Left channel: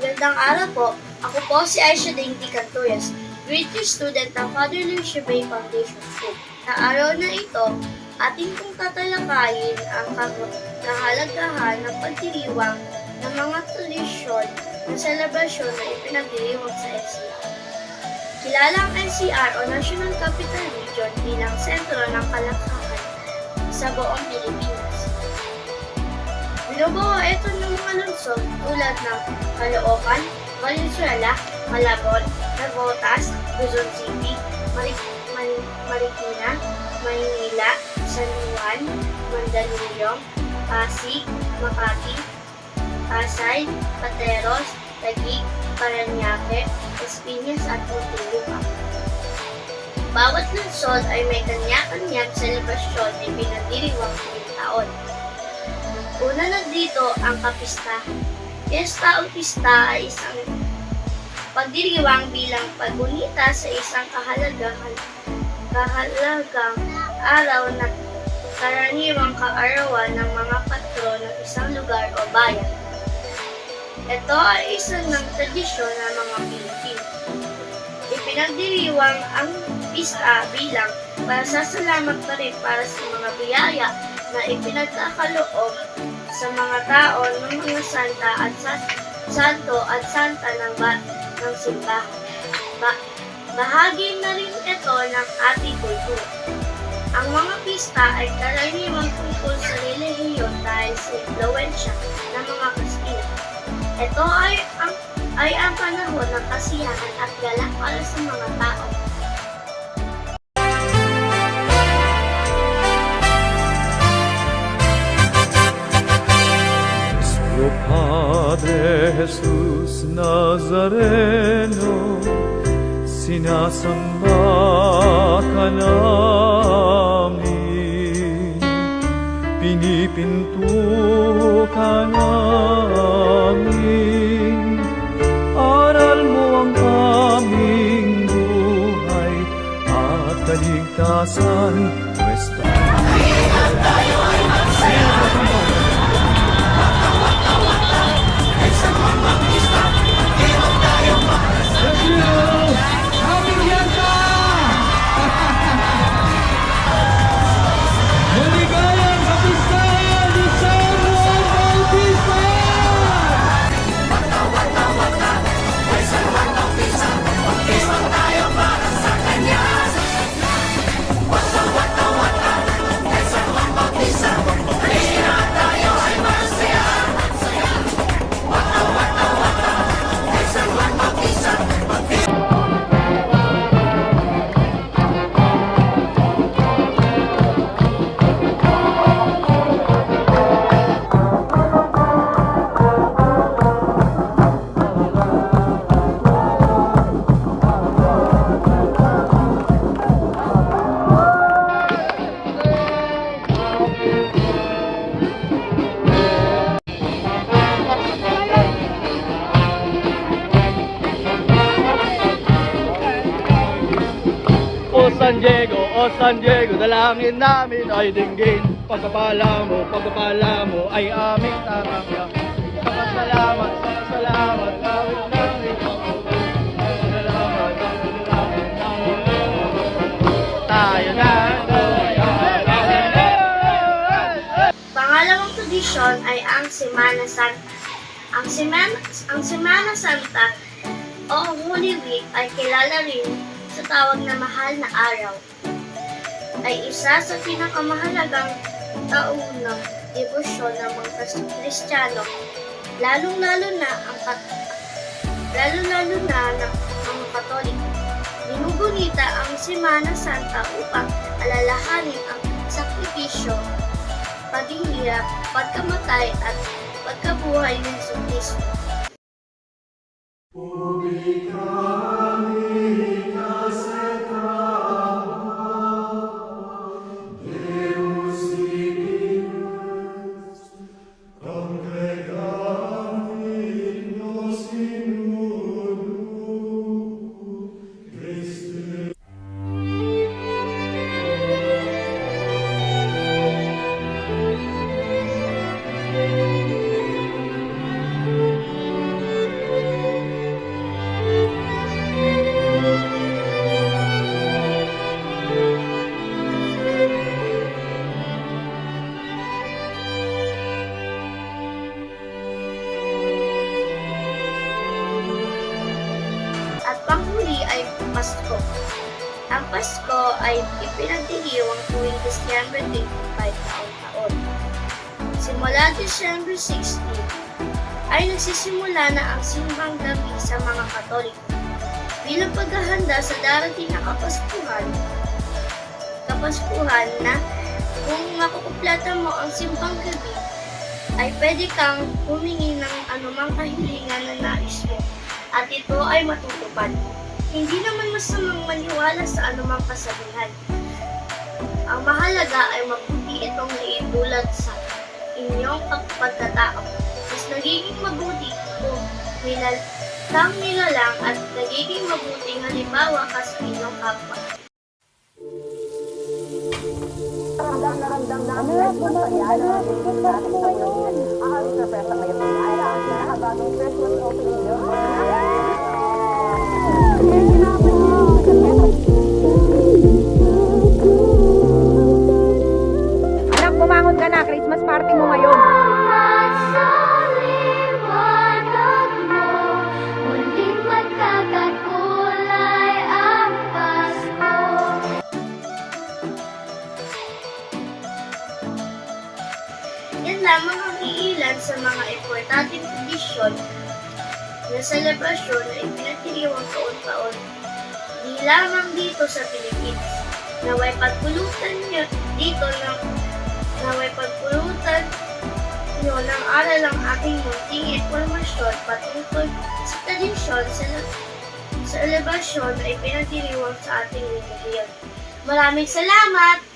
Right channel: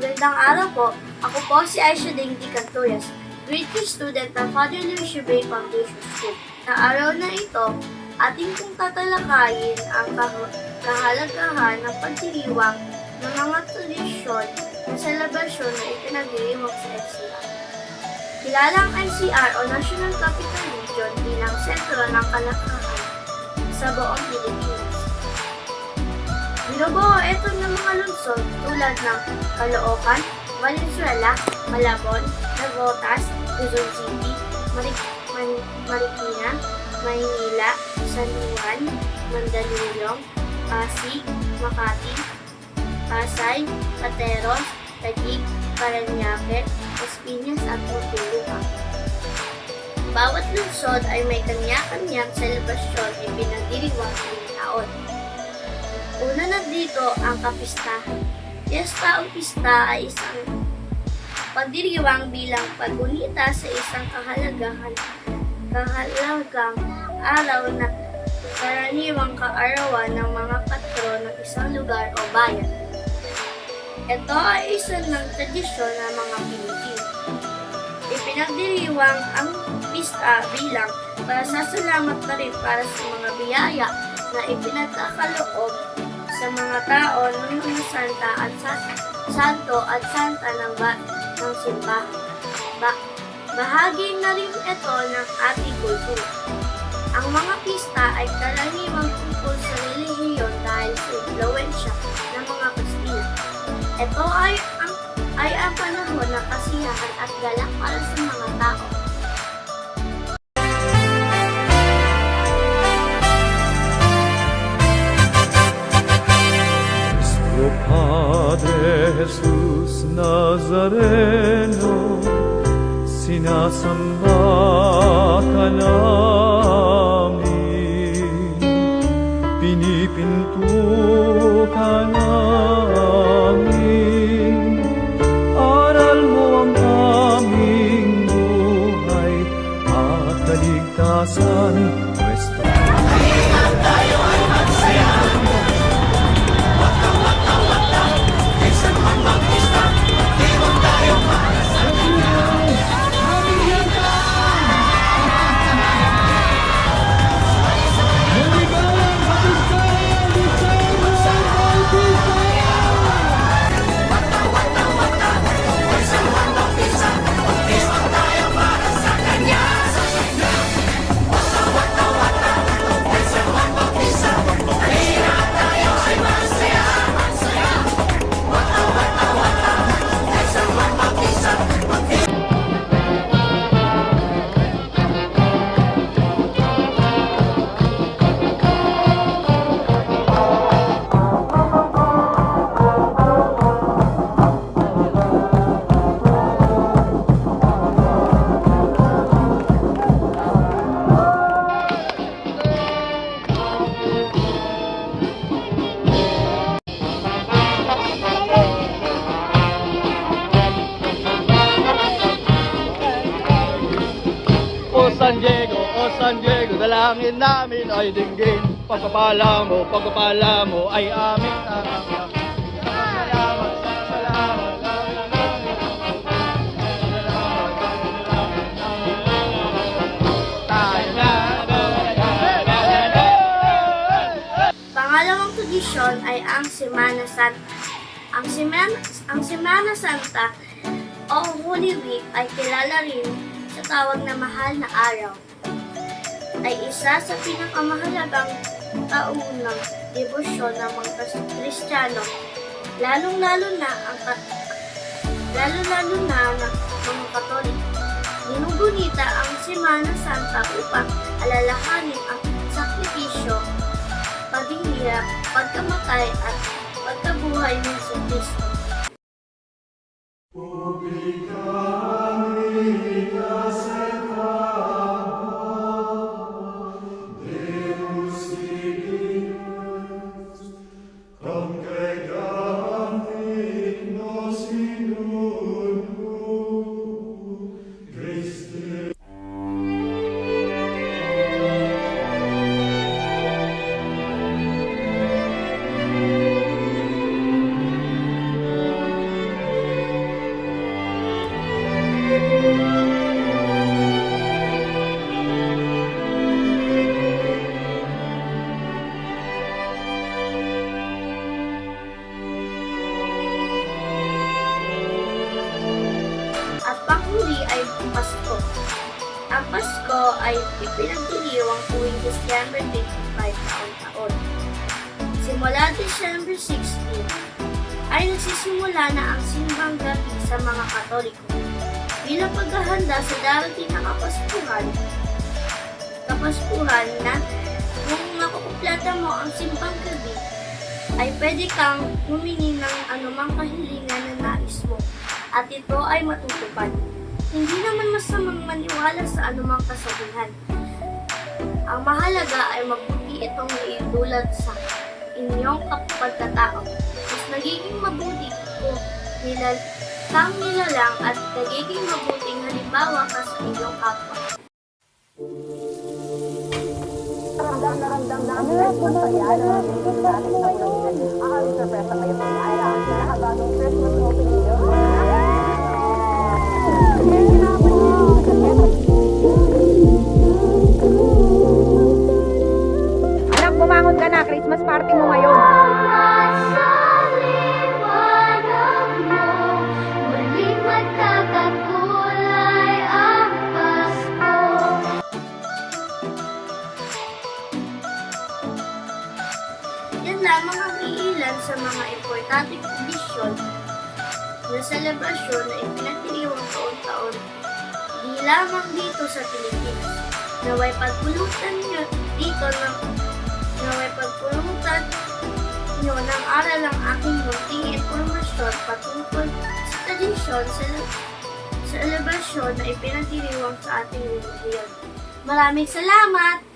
Magandang araw po. Ako po si Aisha Cantoyas, grade 3 student ng Father Lucio Bay Foundation School. Sa araw na ito, ating kong tatalakayin ang kah- kahalagahan ng pagdiriwang ng mga tradisyon na selebrasyon na ipinagdiriwang sa NCR. Kilala ang NCR o National Capital Region bilang sentro ng kalakahan sa buong Pilipinas. Binubuo ito ng mga lungsod tulad ng Caloocan, Valenzuela, Malabon, Navotas, Quezon City, Mari- Man- Marikina, Maynila, San Juan, Mandaluyong, Pasig, Makati, Pasay, Pateros, Taguig, Paranaque, Espinas at Muntinlupa. Bawat lungsod ay may kanya-kanyang selebrasyon na pinagdiriwang tuwing taon. Una na dito ang kapistahan. Fiesta o pista ay isang pagdiriwang bilang paggunita sa isang kahalagahan kahalagang araw na karaniwang kaarawan ng mga patron ng isang lugar o bayan. Ito ay isa ng tradisyon ng mga Pilipino. Ipinagdiriwang ang pista bilang pasasalamat na rin para sa mga biyaya na ipinagkakaloob sa mga tao ng mga santa at sa, santo at santa ng, ba, ng simbahan. Ba, bahagi na rin ito ng ating kultura. Ang mga pista ay karaniwang tungkol sa relihiyon dahil sa impluensya ng mga Kristiyano. Ito ay ang ay ang panahon ng kasiyahan at galak para sa mga tao. Padre Jesús Nazareno, sinasamba ka namin, pinipinto ka namin, San Diego, O San Diego, dalangin namin ay dinggin. Pagkapala mo, pagkapala mo ay aming na, Pangalawang tradisyon ay ang Semana Santa. Ang Semana, ang Semana Santa o Holy Week ay kilala rin sa tawag na mahal na araw. Ay isa sa pinakamahalagang taunang debosyon ng mga Kris- Kristiyano, lalong-lalo na ang kat lalo-lalo na ng mga Katoliko. Ginugunita ang Semana Santa upang alalahanin ang sakripisyo paghihirap, pagkamatay at pagkabuhay ni Yesu Kristo. Pasko ay ipinagdiriwang tuwing December 25 taon-taon. Simula December 16 ay nagsisimula na ang simbang gabi sa mga Katoliko bilang paghahanda sa darating na Kapaskuhan. Kapaskuhan na kung makukuplata mo ang simbang gabi, ay pwede kang humingi ng anumang kahilingan na nais mo at ito ay matutupad. Hindi naman masamang maniwala sa anumang kasabihan. Ang mahalaga ay mabuti itong iidulad sa inyong kapagkatao. Mas nagiging mabuti ito nilal kang nilalang at nagiging mabuting halimbawa ka sa inyong kapwa. Anak, iilan sa mga importanteng tradisyon na selebrasyon na ipinagdiriwang taon-taon di lamang dito sa Pilipinas. Naway pagpulutan nyo dito ng naway pagpulutan nyo ng aral ang aking munting informasyon patungkol sa tradisyon sa selebrasyon na ipinagdiriwang sa ating relihiyon. Maraming salamat!